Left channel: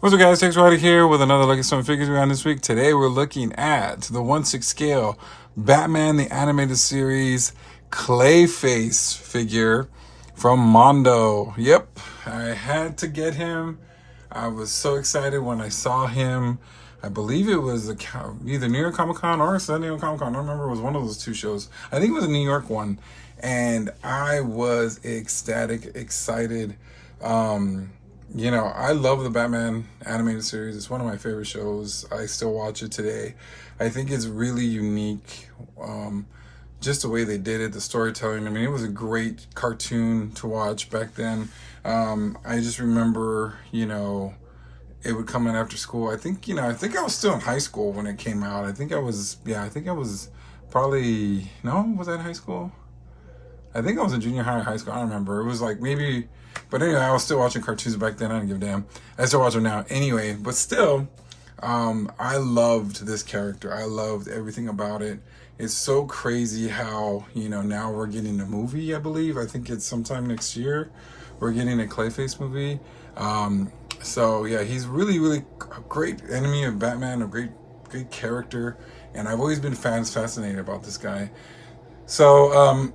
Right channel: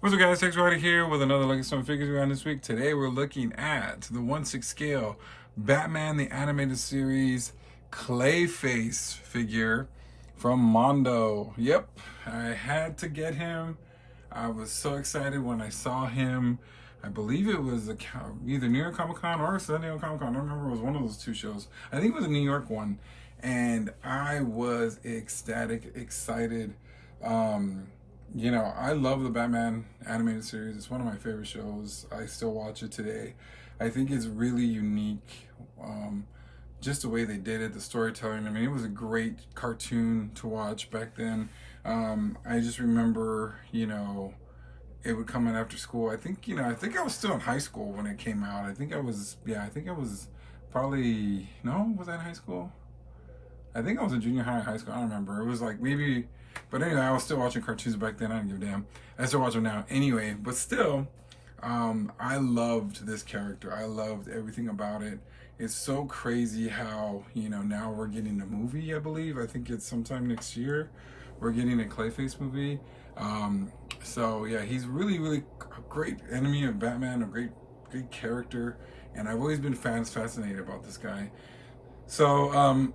What's up, guys? Thanks Ryder here with another look at some figures we on this week. Today we're looking at the 1/6 scale Batman the Animated Series Clayface figure from Mondo. Yep, I had to get him. I was so excited when I saw him. I believe it was either New York Comic Con or San Diego Comic Con. I don't remember. It was one of those two shows. I think it was a New York one. And I was ecstatic, excited. You know, I love the Batman Animated Series. It's one of my favorite shows. I still watch it today. I think it's really unique. Just the way they did it, the storytelling. I mean, it was a great cartoon to watch back then. I just remember, you know, it would come in after school. I think I was still in high school when it came out. I think I was probably, no, was I in high school? I think I was in junior high or high school. I don't remember. It was like maybe, but anyway, I was still watching cartoons back then. I didn't give a damn. I still watch them now. Anyway, but still, I loved this character. I loved everything about it. It's so crazy how, you know, now we're getting a movie, I believe. I think it's sometime next year. We're getting a Clayface movie. So yeah, he's really, really a great enemy of Batman, a great character. And I've always been fascinated about this guy. So,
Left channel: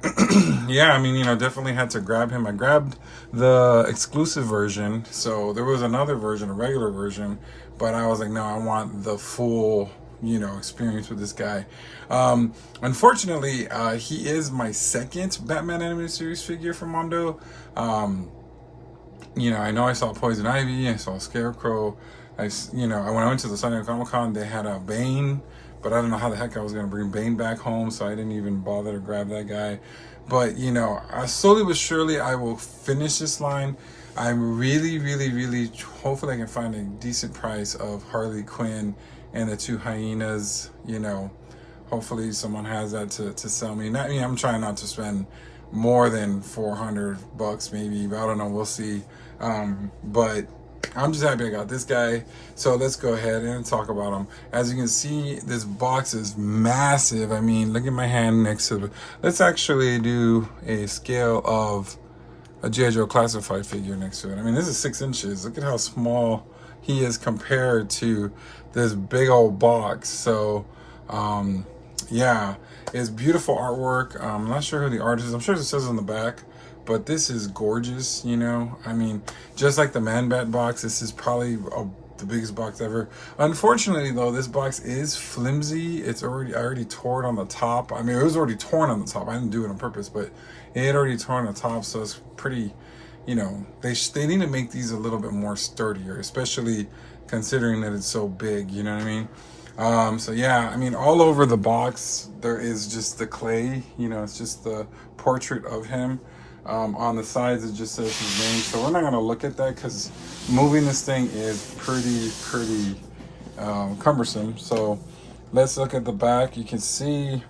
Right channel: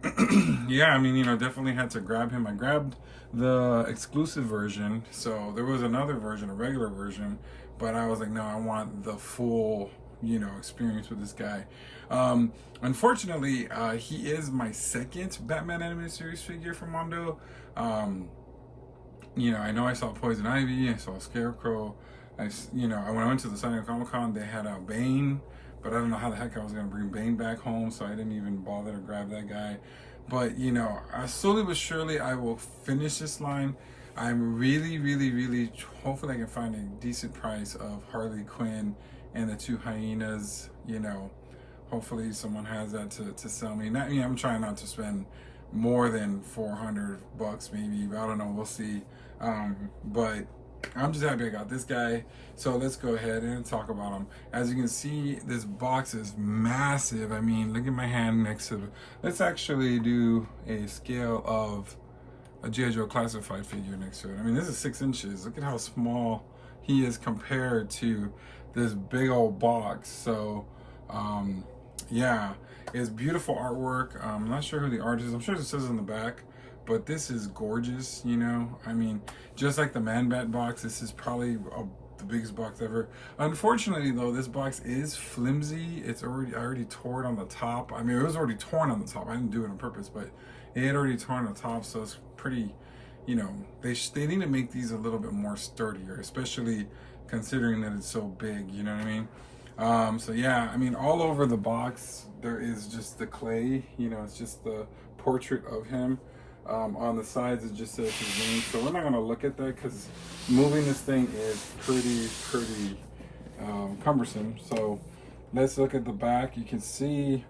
yeah, I mean, you know, definitely had to grab him. I grabbed the exclusive version. So there was another version, a regular version, but I was like, no, I want the full, you know, experience with this guy. Unfortunately, he is my second Batman Animated Series figure from Mondo. You know I saw Poison Ivy, I saw Scarecrow. When I went to the San Diego Comic Con, they had a Bane. But I don't know how the heck I was going to bring Bane back home, so I didn't even bother to grab that guy. But, you know, slowly but surely I will finish this line. I'm really, really, really, hopefully I can find a decent price of Harley Quinn and the two hyenas. You know, hopefully someone has that to sell me. I'm trying not to spend more than $400 maybe, but I don't know, we'll see. But I'm just happy I got this guy. So let's go ahead and talk about him. As you can see, this box is massive. I mean, look at my hand next to it. Let's actually do a scale of a G.I. Joe classified figure next to it. I mean, this is 6 inches. Look at how small he is compared to this big old box. So, yeah, it's beautiful artwork. I'm not sure who the artist is. I'm sure it says on the back. But this is gorgeous, you know. I mean, just like the Man-Bat box, this is probably the biggest box ever. Unfortunately, though, this box is flimsy. I already tore it on the top. I mean, it was already torn on the top. I didn't do it on purpose, but it had already torn on the top, so it's pretty, you know, they need to make these a little bit more sturdier, especially considering that it's so big, you know what I mean? So yeah, I mean, all over the box, there is just the clay, you know, it's just the portrait of him. On the sides it just says his name, so we're not going to look at that because moving this thing is pretty cumbersome. So let's look at the back. You can see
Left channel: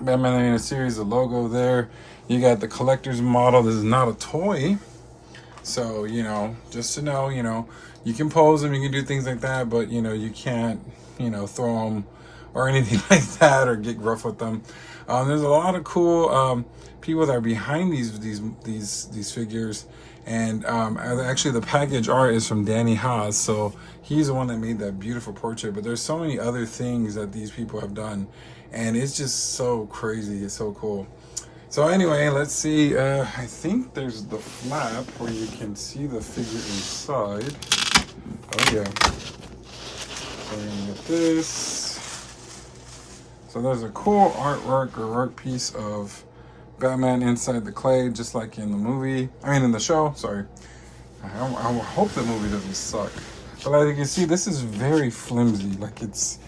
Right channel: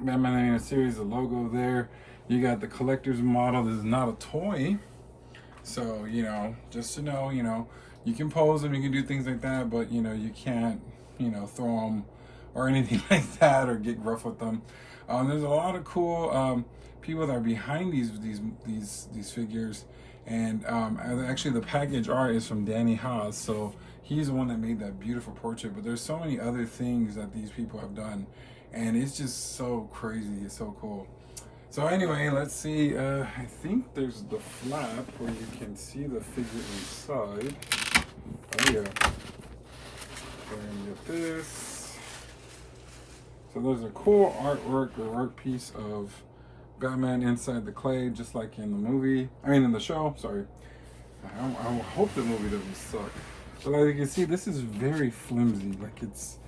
Batman Animated Series, the logo there. You got the collector's model. This is not a toy, so you know, just to know, you know, you can pose them, you can do things like that, but you know, you can't, you know, throw them or anything like that or get rough with them. There's a lot of cool people that are behind these figures, and actually the package art is from Danny Haas, so he's the one that made that beautiful portrait. But there's so many other things that these people have done, and it's just so crazy. It's so cool. So anyway, let's see. I think there's the flap where you can see the figure inside. Oh yeah. So we're gonna get this. So there's a cool artwork or work piece of Batman inside the clay, just like in the movie. I mean, in the show, sorry. I hope the movie doesn't suck. But as you can see, this is very flimsy. Like, it's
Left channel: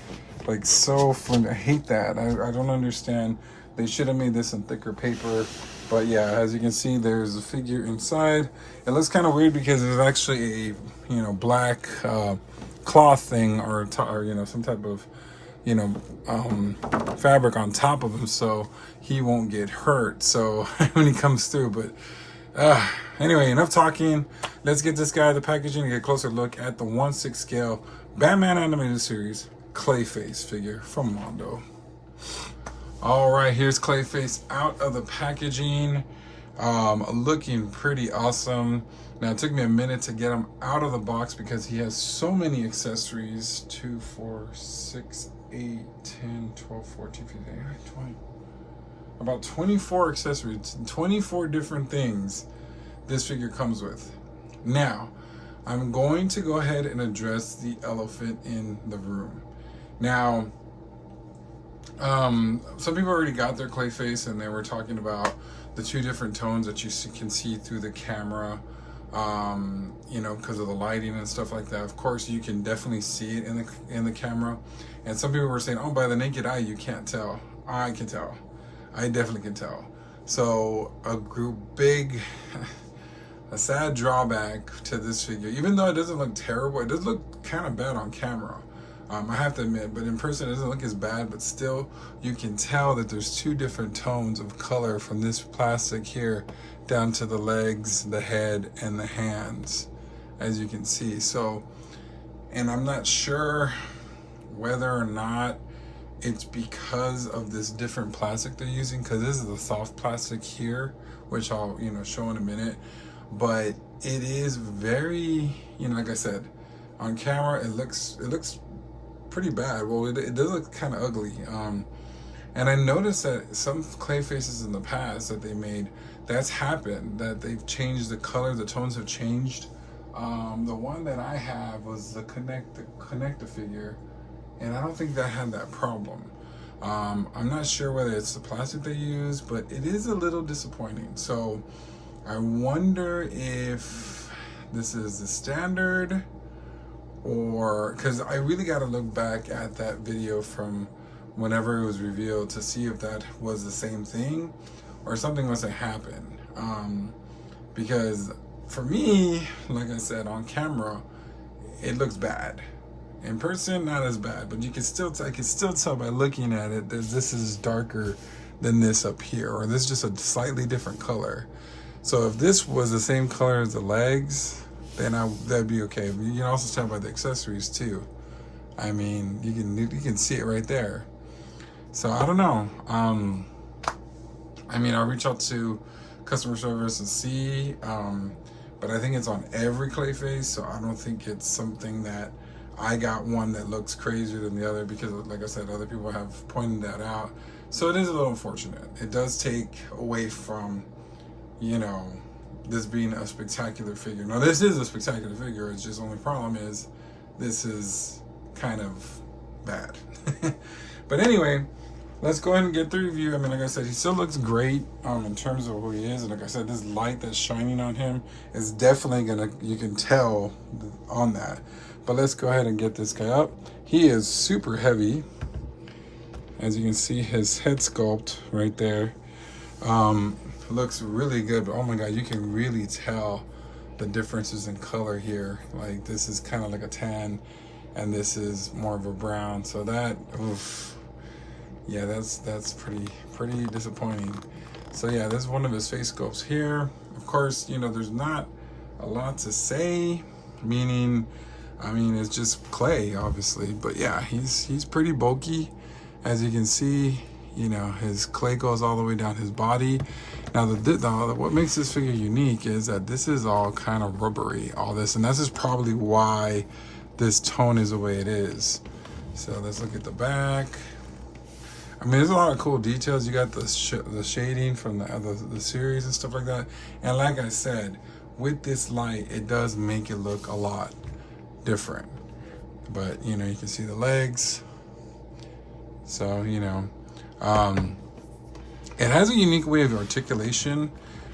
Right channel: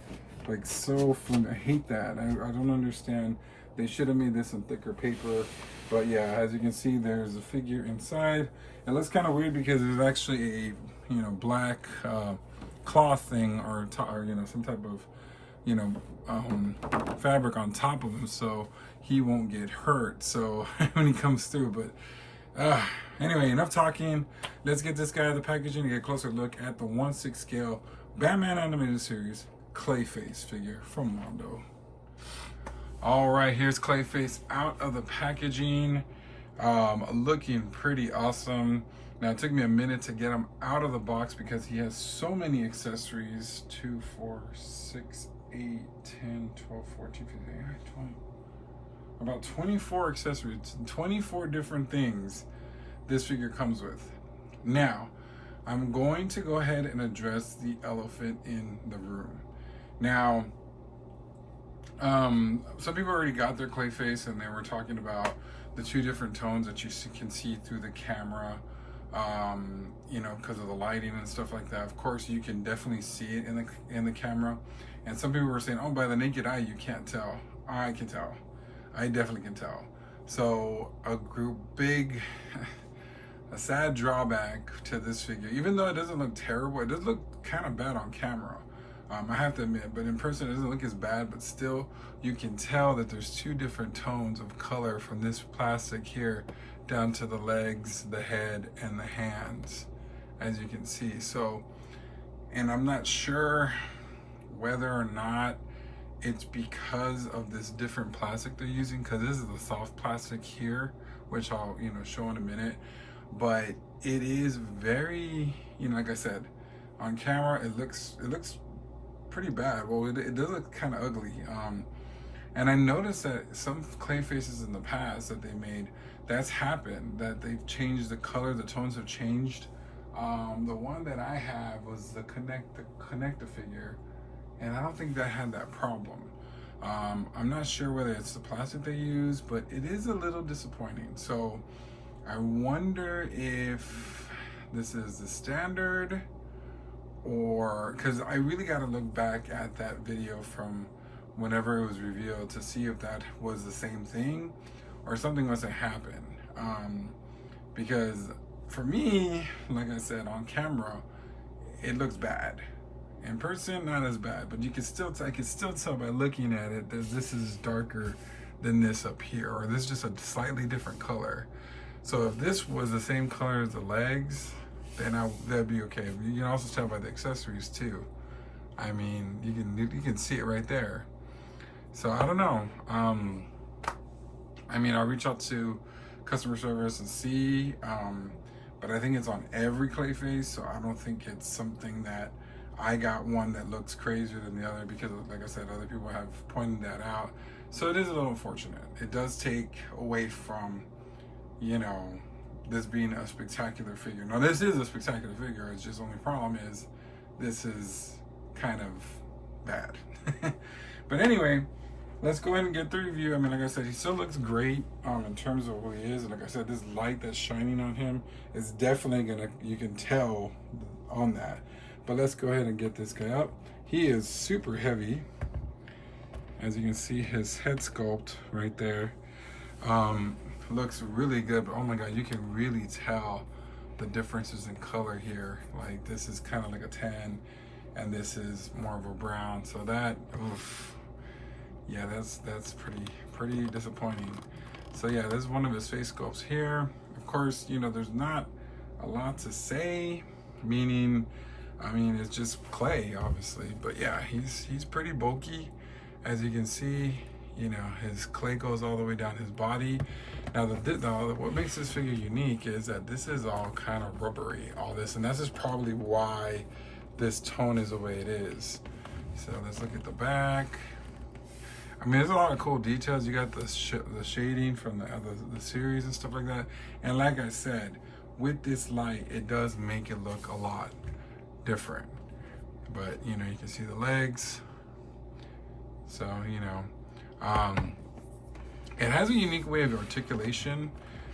like so flimsy. I hate that. I don't understand. They should have made this in thicker paper. But yeah, as you can see, there's a figure inside. It looks kind of weird because there's actually a, you know, black cloth thing or you know, some type of, you know, fabric on top of him, so he won't get hurt. So when he comes through, but anyway, enough talking. Let's get this guy the packaging and get a closer look at the 1/6 scale Batman Animated Series Clayface figure from Mondo. All right, here's Clayface out of the packaging, looking pretty awesome. Now it took me a minute to get him out of the box because he has so many accessories. 2, 4, 6, 8, 10, 12, 14, 15, 20. About 24 accessories, 24 different things this figure comes with. Now, I'm going to go ahead and address the elephant in the room. Now, some people already got their Clayface, and they were talking about the 2 different tones that you can see through the camera, you know, because of the lighting and stuff like that. Of course, you can definitely see it in the camera, and some people were saying, oh, by the naked eye you can't tell. I can tell. I definitely can tell. So a sad drawback to this figure, even though it doesn't look terrible, it does look kind of bad on camera, I have to admit, but in person it doesn't look as bad, but still you can tell that there's 2 different tones of color from this plastic here down to the legs, the head, and the hands, as you can see. So, and I'm not sure whether or not it's because of this different plastic they're using, because this is the soft plastic here, which I'll, you know, show in a minute. But it is very, you know, like I said, on camera it looks pretty bad. Well, it does look kind of ugly. And I noticed that some Clayfaces in the past that they made, that's happened, that they've changed the color, the tones have changed. The one that I have was the connector figure, and I don't think that had that problem. I'm not sure whether it's the plastic they use, but it is a little disappointing. So I wonder if this is the standard, or because I really got to look back at that video from whenever it was revealed to see if that was the same thing or something must have happened. Because for me, like I said, on camera it looks bad. In person, not as bad, but I can still tell by looking at it that this is darker than this up here, or this is just a slightly different color. So if this was the same color as the legs, then that'd be okay. But you can also tell by the accessories too. I mean, you can see it right there. So I don't know. I mean, I'll reach out to customer service and see, but I think it's on every Clayface, so I don't think it's something that I got one that looks crazier than the other, because like I said, other people have pointed that out. So it is a little unfortunate. It does take away from, you know, this being a spectacular figure. Now this is a spectacular figure, it's just only problem is this is kind of bad. But anyway, let's go ahead and get the review. I mean, like I said, he still looks great in terms of who he is. And like I said, this light that's shining on him is definitely you can tell on that. But let's go ahead and get this guy up. He is super heavy. As you can see, his head sculpt right there looks really good. But oh my God, you can really tell the differences in color here. Like this is kind of like a tan, and this is more of a brown. So that, oof, yeah, that's pretty disappointing. So yeah, this is one of his face sculpts here. Of course, you know, there's not a lot to say, meaning, I mean, it's just clay, obviously, but yeah, he's pretty bulky. As you can see, you know, his clay goes all the way down his body. Now, what makes this figure unique is that this is all kind of rubbery, all this, and this is probably why this tone is the way it is. So let's look at the back. I mean, there's a lot of cool details. You got the shading from the series and stuff like that. And like I said, with this light, it does make it look a lot different. But you know, you can see the legs. So you know, it has a unique way of articulation,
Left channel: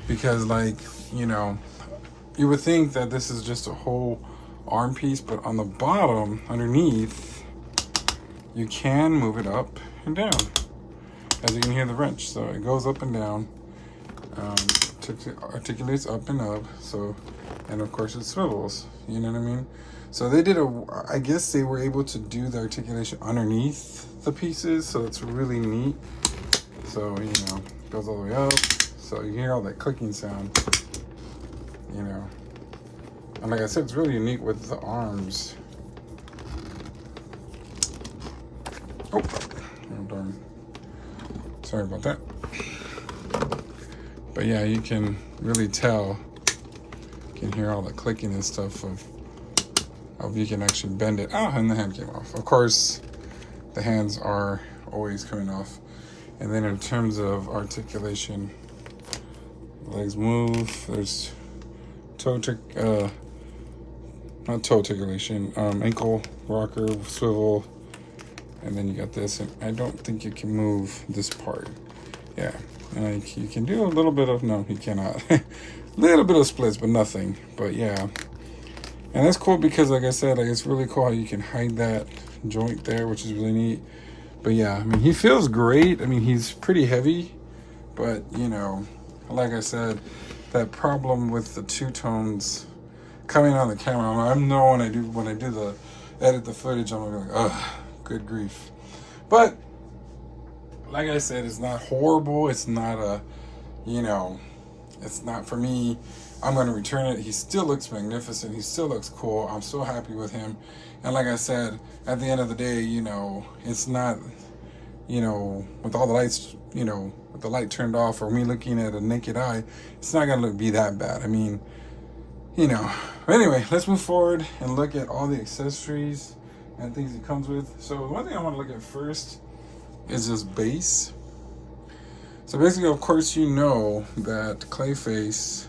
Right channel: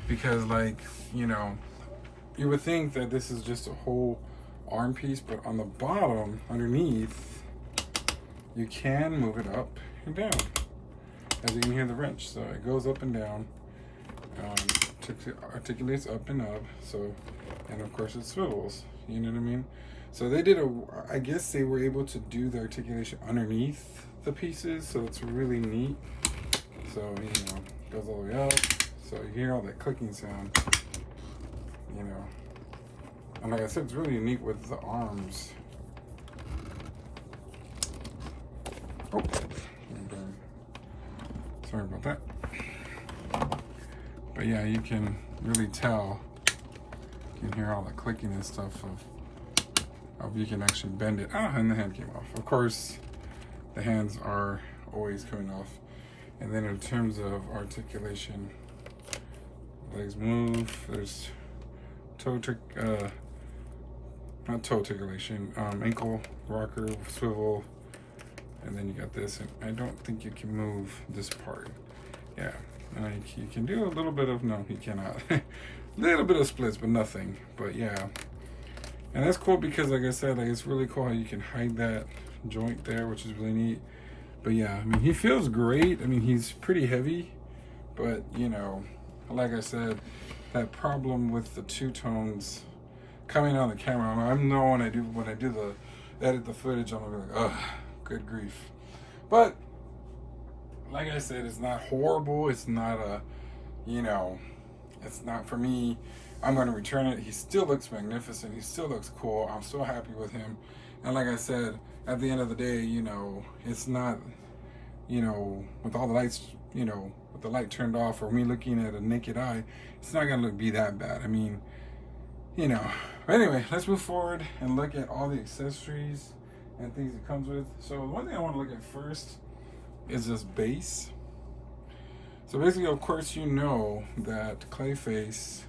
because like, you know, you would think that this is just a whole arm piece, but on the bottom in you can move it up and down, as you can hear the wrench. So it goes up and down, articulates up and up. So, and of course it swivels, you know what I mean? So they did I guess they were able to do the articulation underneath the pieces, so it's really neat. So, you know, it goes all the way up, so you hear all that clicking sound, you know. And like I said, it's really unique with the arms. Oh darn. Sorry about that. But yeah, you can really tell. You can hear all the clicking and stuff of you can actually bend it. Ah, and the hand came off. Of course, the hands are always coming off. And then in terms of articulation, legs move. There's not toe articulation, ankle rocker, swivel, and then you got this. And I don't think you can move this part. Yeah, like you can do a little bit of, no, you cannot. A little bit of splits, but nothing. But yeah, and that's cool because, like I said, like it's really cool how you can hide that joint there, which is really neat. But yeah, I mean, he feels great. I mean, he's pretty heavy, but you know, like I said, that problem with the two tones coming on the camera, I know when I do the edit the footage, I'm gonna be like, ah, good grief. But like I said, it's not horrible. It's not a, you know, it's not for me. I'm going to return it. He still looks magnificent. He still looks cool. I'm so happy with him. And like I said, at the end of the day, you know, it's not, you know, with all the lights, you know, with the light turned off or me looking at a naked eye, it's not going to be that bad. I mean, you know. But anyway, let's move forward and look at all the accessories and things it comes with. So one thing I want to look at first is this base. So basically, of course, you know that Clayface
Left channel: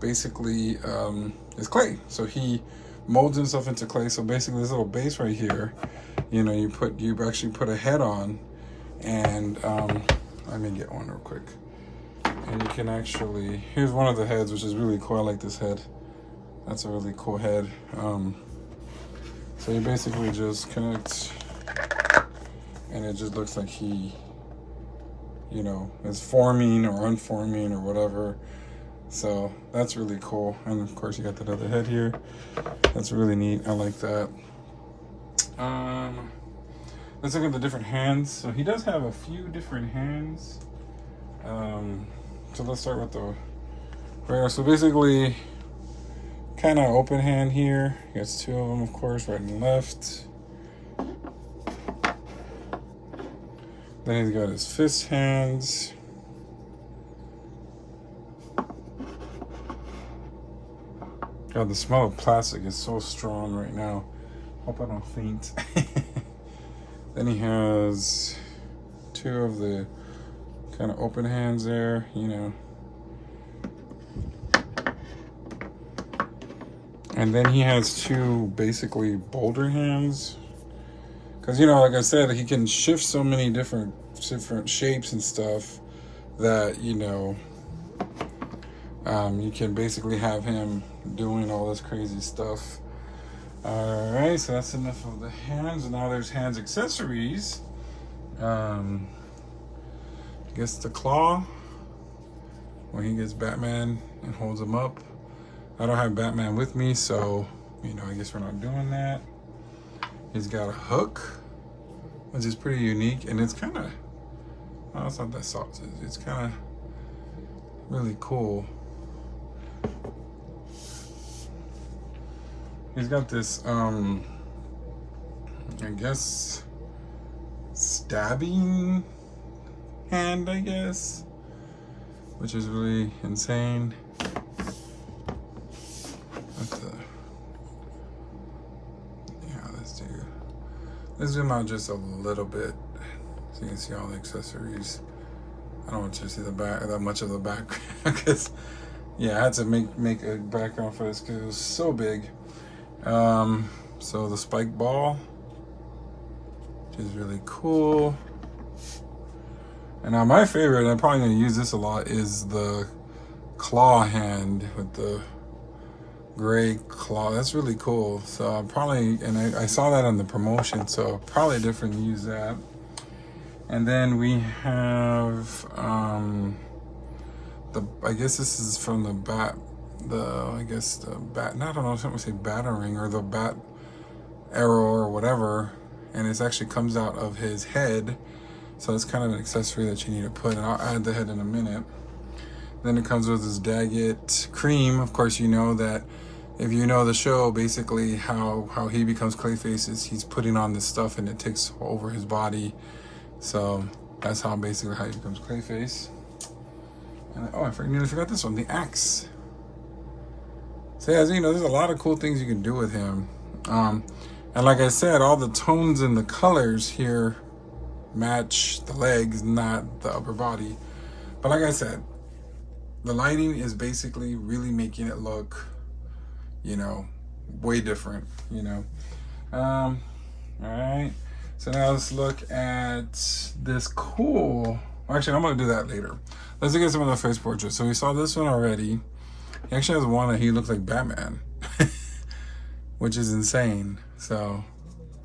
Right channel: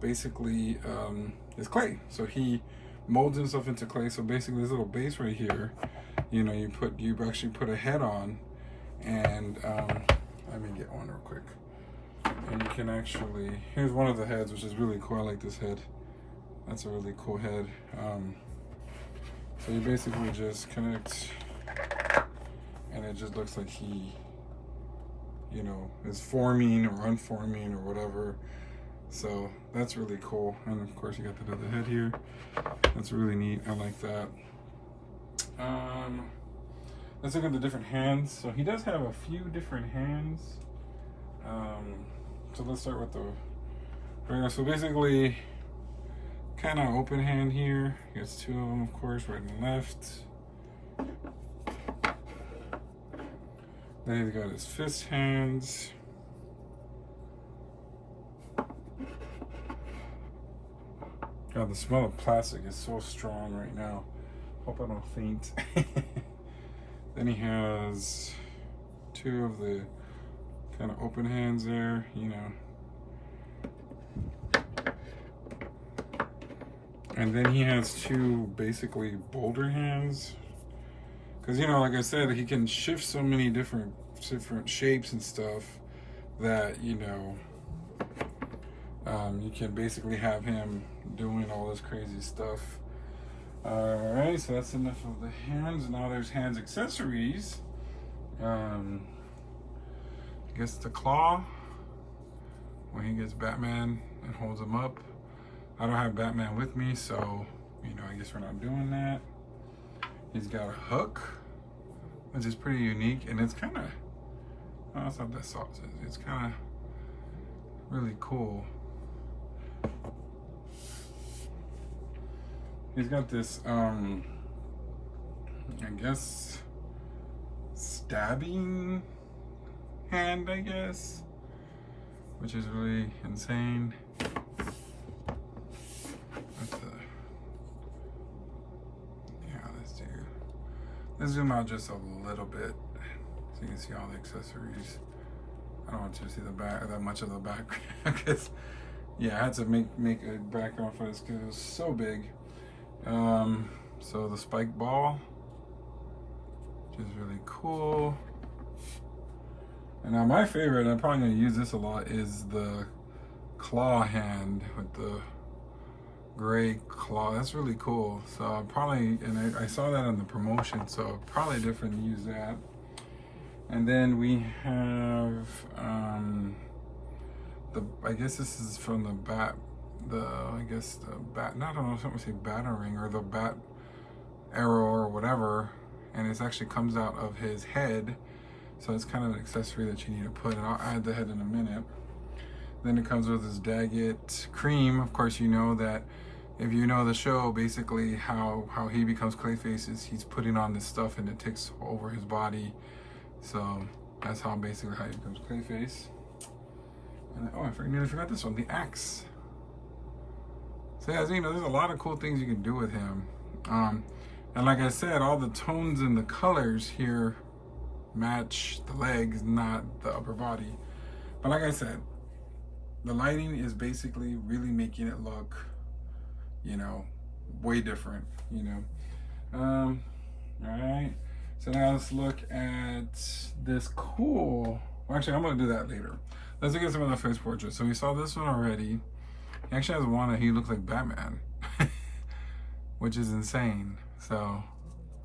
basically is clay. So he molds himself into clay. So basically, this little base right here, you know, you actually put a head on, and let me get one real quick. And you can actually, here's one of the heads, which is really cool. I like this head. That's a really cool head. So you basically just connect, and it just looks like he, you know, is forming or unforming or whatever. So that's really cool. And of course you got that other head here. That's really neat. I like that. Let's look at the different hands. So he does have a few different hands. So let's start with the regular. So basically, kind of open hand here. He gets two of them, of course, right and left. Then he's got his fist hands. God, the smell of plastic is so strong right now. Hope I don't faint. Then he has two of the kind of open hands there, you know. And then he has two basically boulder hands. Because, you know, like I said, he can shift so many different shapes and stuff that, you know, you can basically have him doing all this crazy stuff. All right, so that's enough of the hands. And now there's hands accessories. I guess the claw, when he gets Batman and holds him up. I don't have Batman with me, so, you know, I guess we're not doing that. He's got a hook, which is pretty unique, and it's kind of, oh, it's not that soft. It's kind of really cool. He's got this, I guess, stabbing hand, I guess, which is really insane. Let's zoom out just a little bit so you can see all the accessories. I don't want you to see the back, that much of the background, because yeah, I had to make a background for this because it was so big. So the spike ball is really cool. And now my favorite, I'm probably gonna use this a lot, is the claw hand with the gray claw. That's really cool. So I'll probably, and I saw that on the promotion, so probably different use that. And then we have I guess this is from the bat, I don't know, something say battering or the bat arrow or whatever, and it actually comes out of his head. So it's kind of an accessory that you need to put, and I'll add the head in a minute. Then it comes with his Daggett cream. Of course, you know that if you know the show, basically how he becomes Clayface is he's putting on this stuff and it takes over his body. So That's how basically how he becomes Clayface. And oh, I nearly forgot this one, the axe. So as you know, there's a lot of cool things you can do with him. And like I said, all the tones and the colors here match the legs, not the upper body. But like I said, the lighting is basically really making it look, you know, way different, you know. All right. So now let's look at this cool. Actually, I'm gonna do that later. Let's look at some of the face portraits. So we saw this one already. He actually has one that he looks like Batman, which is insane. So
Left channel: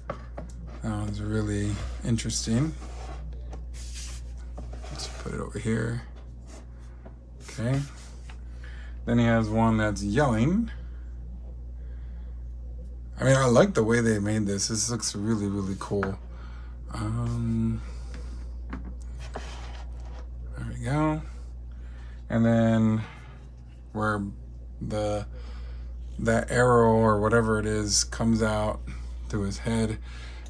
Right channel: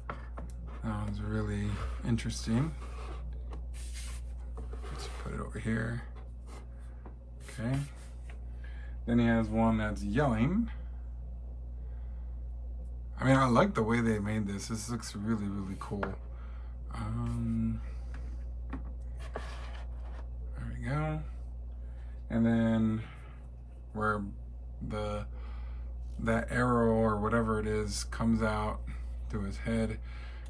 that one's really interesting. Let's put it over here. Okay. Then he has one that's yelling. I mean, I like the way they made this. This looks really, really cool. There we go. And then where that arrow or whatever it is comes out to his head.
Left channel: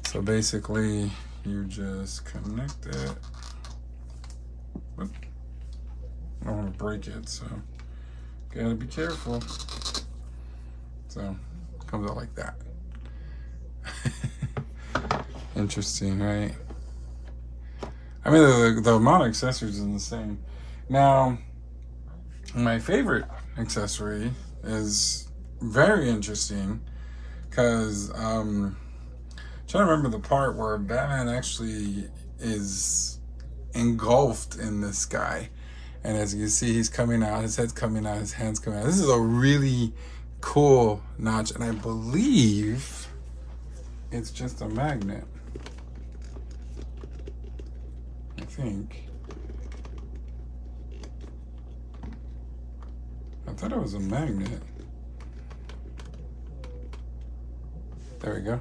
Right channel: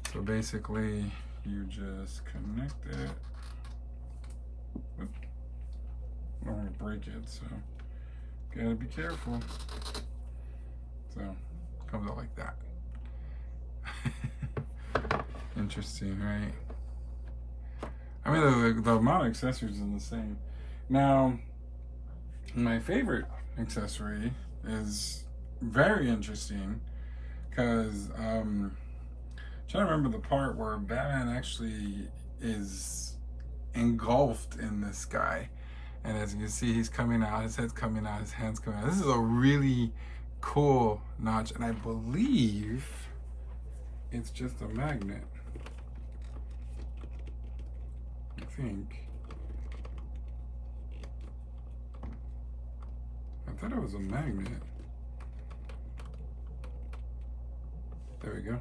So basically, you just connect it. Whoop. I don't want to break it, so gotta be careful. So it comes out like that. Interesting, right? I mean, the amount of accessories is insane. Now, my favorite accessory is very interesting because trying to remember the part where Batman actually is engulfed in this guy, and as you can see, he's coming out, his head's coming out, his hands coming out. This is a really cool notch, and I believe it's just a magnet. I think. I thought it was a magnet. There we go.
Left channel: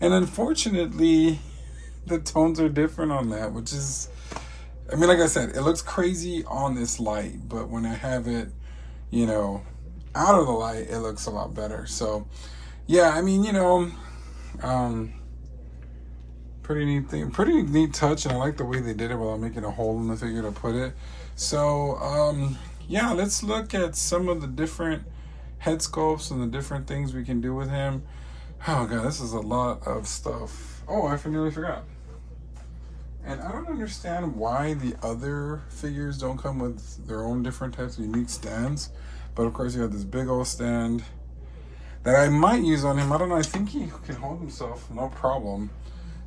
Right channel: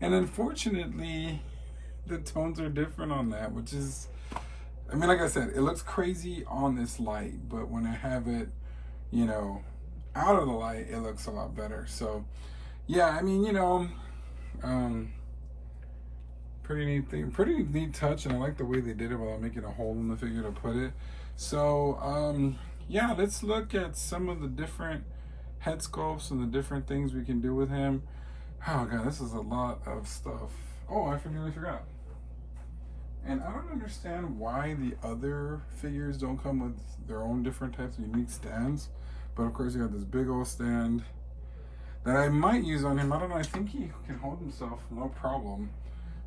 And unfortunately, the tones are different on that, which is, I mean, like I said, it looks crazy on this light, but when I have it, you know, out of the light, it looks a lot better. So, yeah, I mean, you know, pretty neat thing, pretty neat touch, and I like the way they did it without making a hole in the figure to put it. So, yeah, let's look at some of the different head sculpts and the different things we can do with him. Oh god, this is a lot of stuff. Oh, I nearly forgot. And I don't understand why the other figures don't come with their own different types of unique stands. But of course you have this big old stand that I might use on him. I don't know, I think he can hold himself, no problem.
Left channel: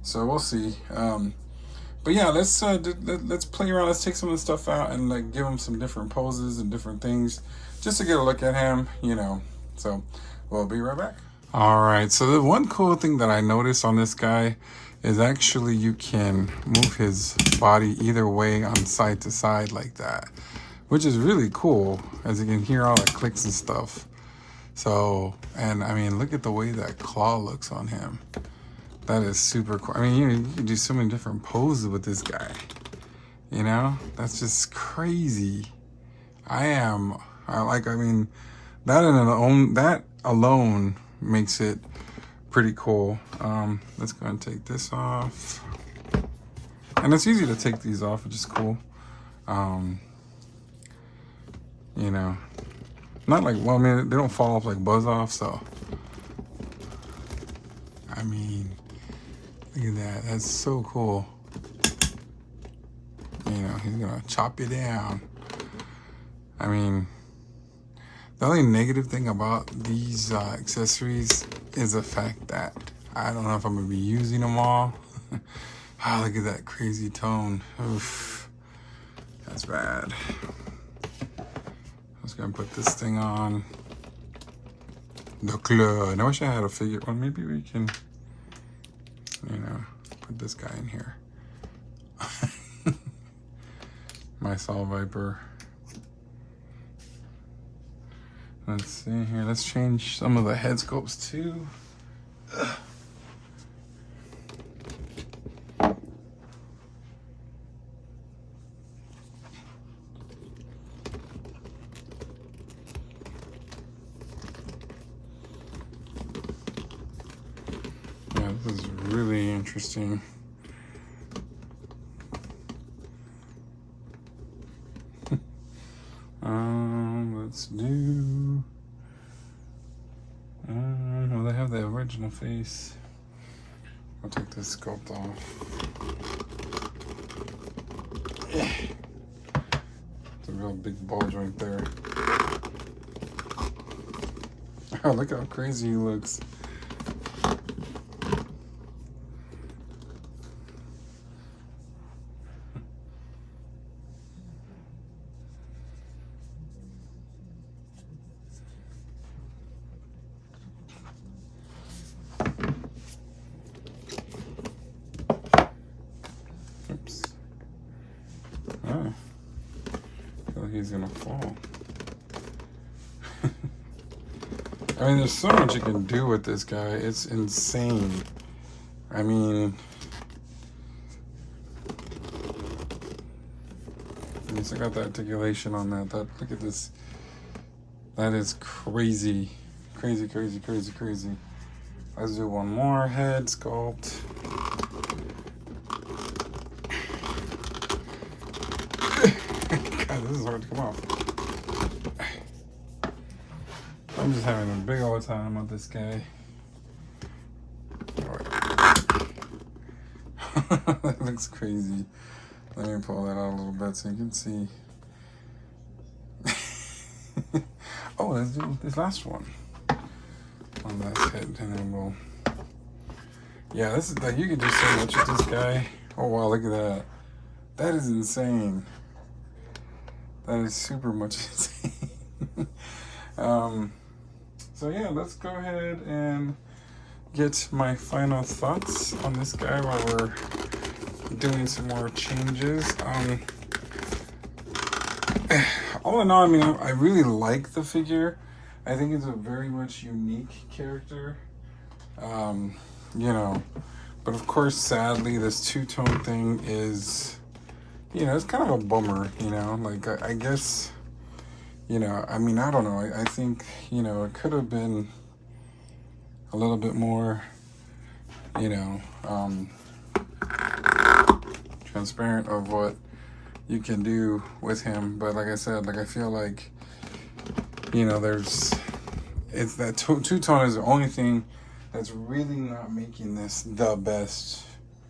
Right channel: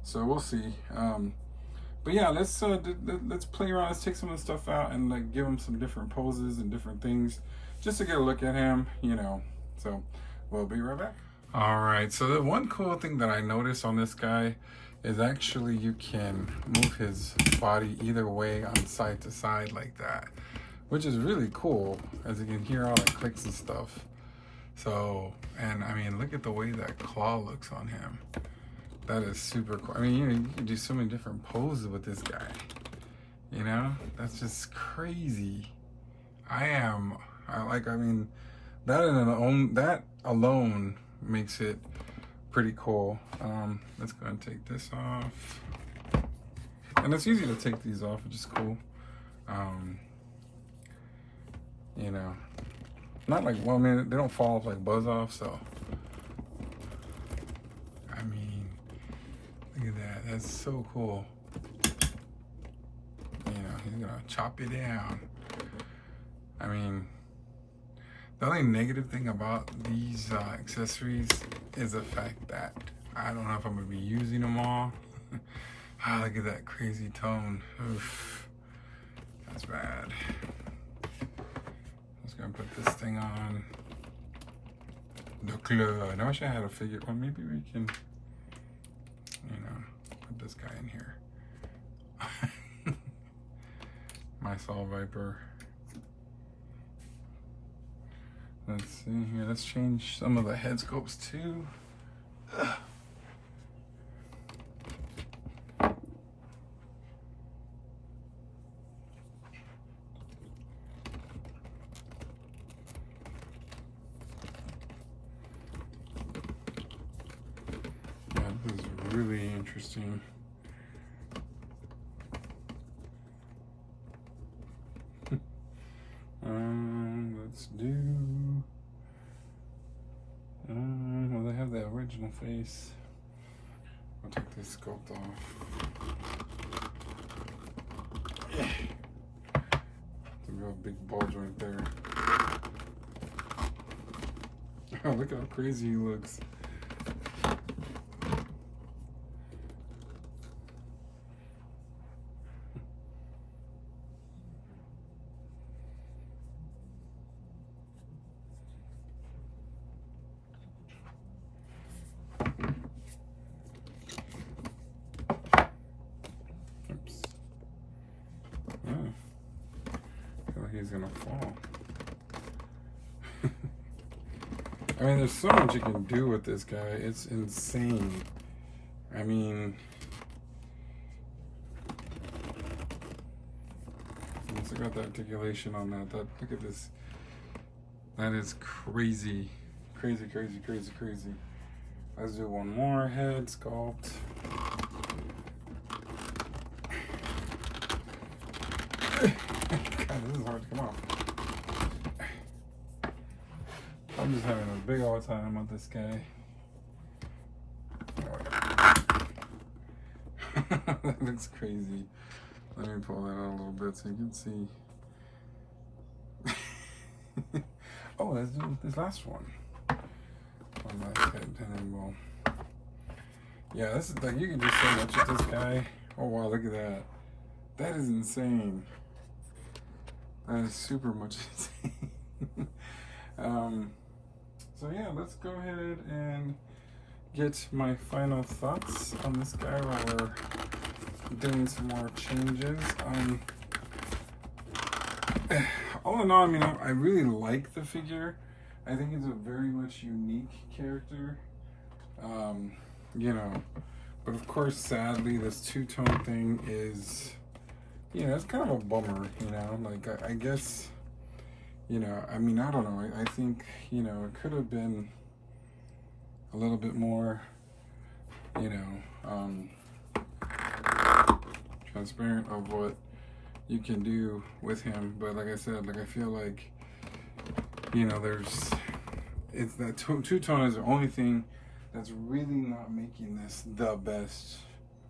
So we'll see. But yeah, let's play around. Let's take some of the stuff out and like give him some different poses and different things just to get a look at him, you know. So we'll be right back. All right, so the one cool thing that I noticed on this guy is actually you can move his body either way on side to side like that, which is really cool, as you can hear all the clicks and stuff. So, and I mean, look at the way that claw looks on him. That is super cool. I mean, you can do so many different poses with this guy. You know, that's just crazy. I mean, that alone makes it pretty cool. Let's go and take this off. And it's easy to take these off, which is cool. You know, not like, well, I mean, they don't fall off like buzz off, so. I mean, look at that. That's so cool. You know, he's gonna chop you down. I mean, the only negative thing about these accessories is the fact that I don't know if I'm gonna be using them all. Ah, look at that crazy tone. Oof, that's bad. I'm just gonna put this thing on. The club. I wish I had a figure. Well, maybe we can, you know, put this guy in here. My Saw Viper. Let's see here. Let's change some of the head sculpts too. Ugh. Yeah, this is really interesting. Clayface. I'll take this sculpt off. It's a real big ball joint there. Oh, look how crazy he looks. Oops. Oh, I feel like he's gonna fall. I mean, there's so much you can do with this guy. It's insane. I mean, I got the articulation on that. Look at this. That is crazy. Crazy, crazy, crazy, crazy. Let's do one more head sculpt. God, this is hard to come off. I'm just having a big old time with this guy. That looks crazy. Let me pull that out a little bit so you can see. Oh, let's do this last one on that head, and then we'll. Yeah, this is like you can do so much with this guy. Oh wow, look at that. That is insane. That is super much insane. So yeah, let's go ahead and get my final thoughts on this guy while we're doing some more changes. All in all, I mean, I really like the figure. I think it's a very much unique character. You know, but of course, sadly, this two-tone thing is, you know, it's kind of a bummer, you know, like, I guess, you know, I mean, I don't know. I think, you know, it could have been a little bit more, you know, transparent of what you can do with him. But like I said, like, I feel like, you know, it's that two-tone is the only thing that's really not making this the best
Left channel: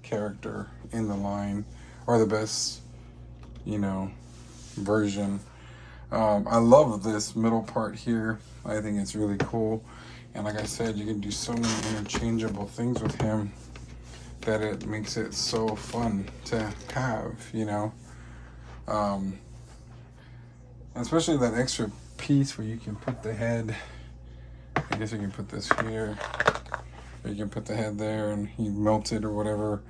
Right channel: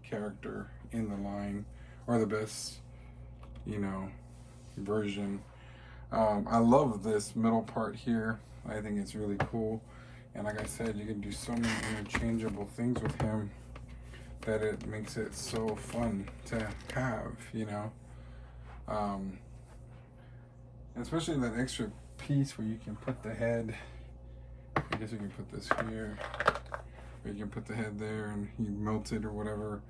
character in the line, or the best, you know, version. I love this middle part here. I think it's really cool. And like I said, you can do so many interchangeable things with him that it makes it so fun to have, you know. Especially that extra piece where you can put the head, I guess you can put this here, or you can put the head there and he melted or whatever,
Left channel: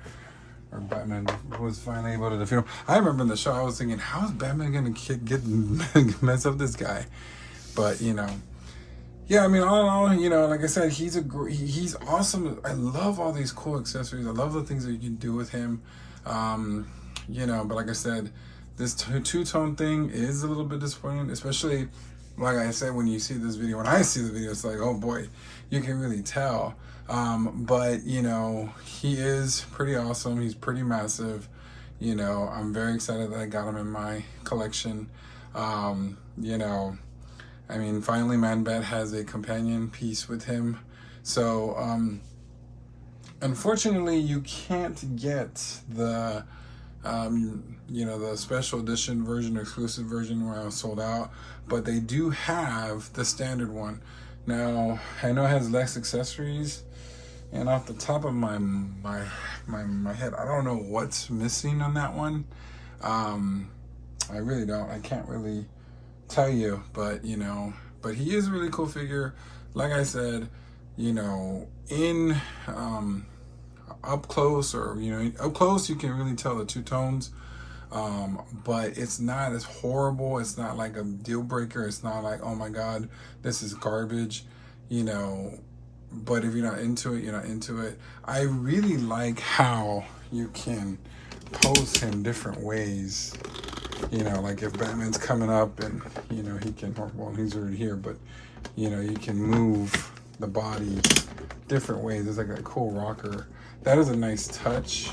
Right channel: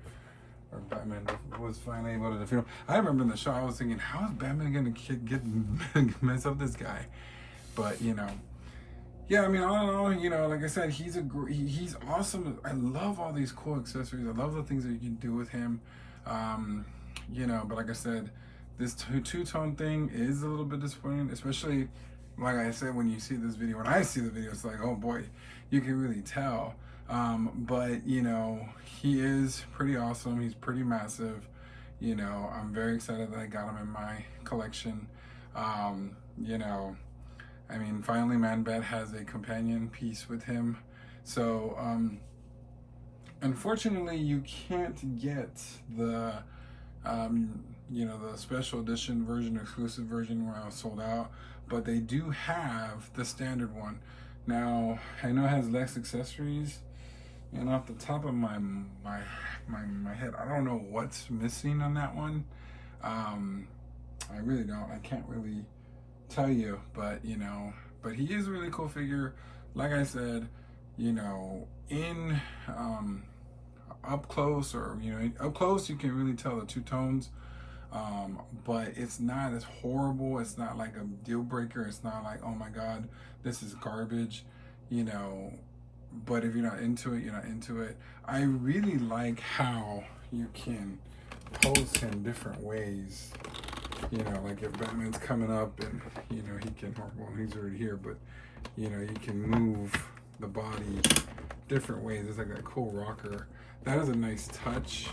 or Batman was finally able to defeat him. I remember in the show I was thinking, how is Batman gonna get mess up this guy? But you know, yeah, I mean, all in all, you know, like I said, he's awesome. I love all these cool accessories. I love the things that you can do with him. You know, but like I said, this two-tone thing is a little bit disappointing, especially like I said, when you see this video. When I see the video, it's like, oh boy, you can really tell. But you know, he is pretty awesome. He's pretty massive. You know, I'm very excited that I got him in my collection. You know, I mean, finally Man-Bat has a companion piece with him. So, unfortunately, you can't get the, you know, the special edition version, exclusive version where I was sold out. But they do have the standard one. Now, I know it has less accessories. And off the top of my head, I don't know what's missing on that one. I really don't. I can't really tell you, but you know, but he is a really cool figure. Like I said, you know, in up close, or you know, up close you can really tell the two tones. But it's not as horrible. It's not like a deal breaker. It's not like, oh my God, this is garbage, you know. But if you're not into it, you're not into it. I really like how you can pose him different ways. You know, like if Batman's coming up and, you know, he can, well, he's already here, but, you know, you can move the body different ways. It's like a cool rocker. That is a nice touch,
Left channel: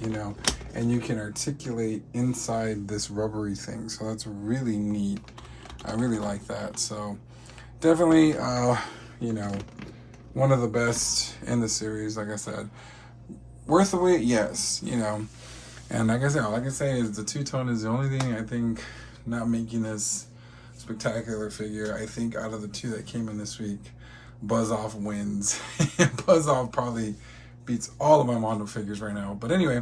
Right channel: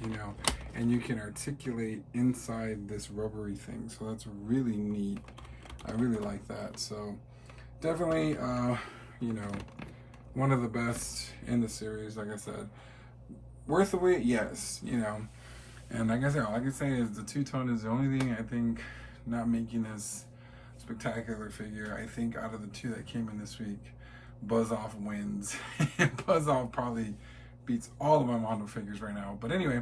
you know, and you can articulate inside this rubbery thing. So that's really neat. I really like that. So definitely, you know, one of the best in the series. Like I said, worth the wait, yes, you know. And like I said, all I can say is the two-tone is the only thing I think not making this spectacular figure. I think out of the two that came in this week, Buzz Off wins. Buzz Off probably beats all of my Mondo figures right now. But anyway,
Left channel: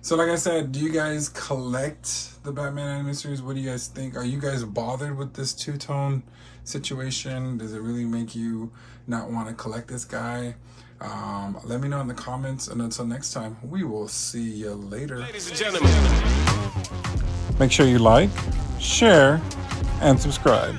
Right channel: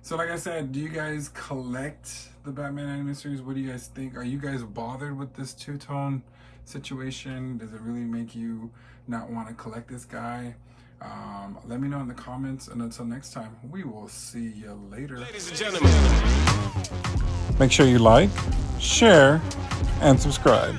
so like I said, do you guys collect the Batman Animated Series? What do you guys think? Are you guys bothered with this two-tone situation? Does it really make you not want to collect this guy? Let me know in the comments, and until next time, we will see you later. Ladies and gentlemen, make sure you like, share, and subscribe.